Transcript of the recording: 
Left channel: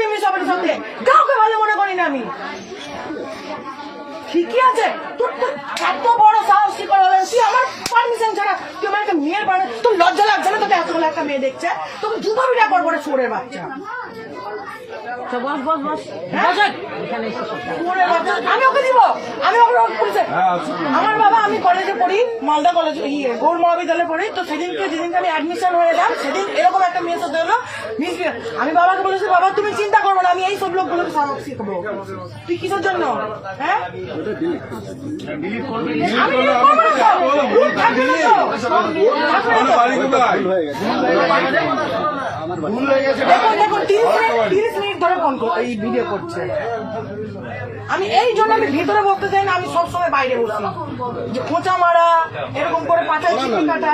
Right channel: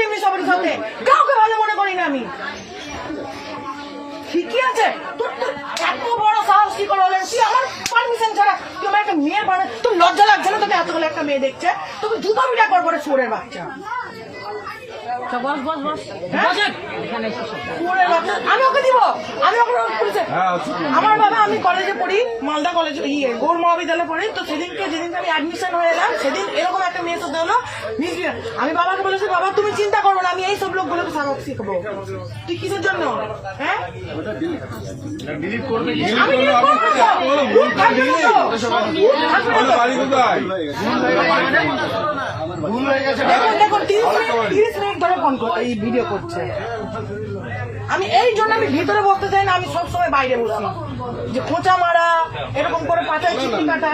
করিনি সবার সাথে, কাউকে ভালো মনে করি না আমি। ঠিকই আছে, তোর তো এত বড় সাহস কি করে হলেন? তুই আমার পারমিশন ছাড়া তুই আমার একটা মেয়ের বাড়ি, তোর লজ্জা লাগছে না? তোকে এতগুলো একটা মেয়ে দেখছে, তোকে জুতো বিটা করবো রে চোরের বাচ্চা। আমি ওকে দিব, আমি ওকে আমার বাবা, আমি কলেজে পড়ি, মালদা কলেজে গৌর মহাবিদ্যালয়ে পড়ি। তো সেদিনকে যেদিনকে আমি অ্যাডমিশন হয়ে এলাম, সেদিন এরকম একটা মেয়ে সাথে হলো। আমি বাবাকে বলেছি, বাবা তুমি চিন্তা করবো না, আমি এই সব লোকগুলোকে সাবক শিখবো। তুই কিসের জন্য? হ্যাঁ আমি দেখুন 30 মিনিট ধরে ফোন এই ভিডিও করছে। আমি এই জন্য আমি ভিতরে বসতে চাই না, আমি সবসময় বাইরে বসি, যে খোঁচা মারা এরকম করে পাঠায় চিঠি কাটা।